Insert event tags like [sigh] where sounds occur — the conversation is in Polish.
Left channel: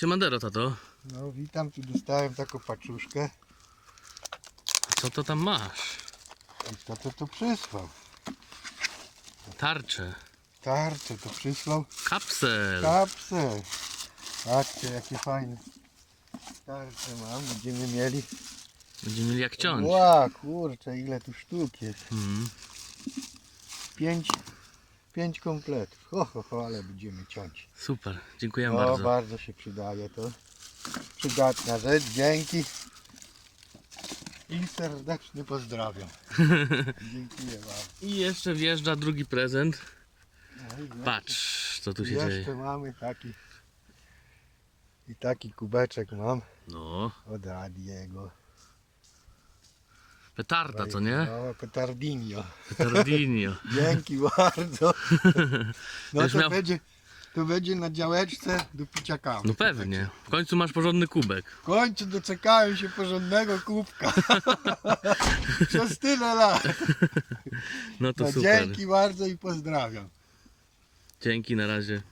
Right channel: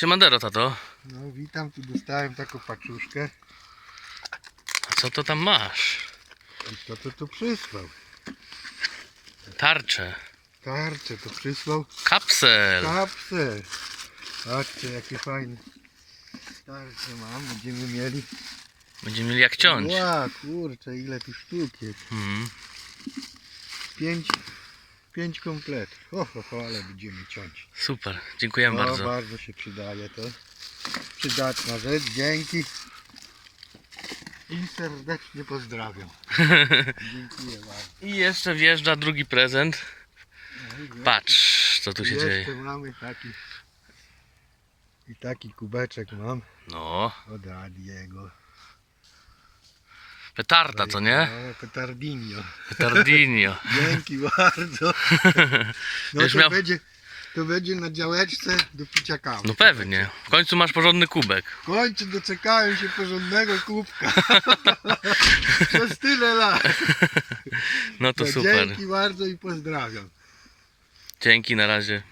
Siemandero, tato. No witam, tu dostałem taką paczuszkę. A co to tam masz? I kto to tu przysłał? Tarcze. Tarczę to przysłał. Kapsel. Kapsel. Patrzcie jakie fajne. Tarcze mam, będziemy mieli. Będziemy mieli jak ciąć. Ła, kurczę, ile tu sztuk jest. Mhm. Pięć, pięć kompletów. Ho, ho, ho, ale będziemy ciąć. Super, dziękuję No, bardzo. bardzo się przydaje to. Przydatna rzecz, dzięki. I serdecznie pozdrawiam. [laughs] Dziękuję bardzo. I jeszcze wjeżdża drugi prezent. Patrz, co tu się jeszcze dzieje. mamy taki i taki kubeczek mam No, od Adiego. Petarda, co nie? No, petardinio. Petardinio. [laughs] Dzięki bardzo. [laughs] No to, miał- będzie, to będzie na działeczce do picia kawy. No pewnie. W końcu masz porządny kubek. W końcu doczekałem się porządnego kubka. [laughs] Przez tyle lat. No to No, super. Dzięki bardzo i pozdrawiam. Dzięki, na razie.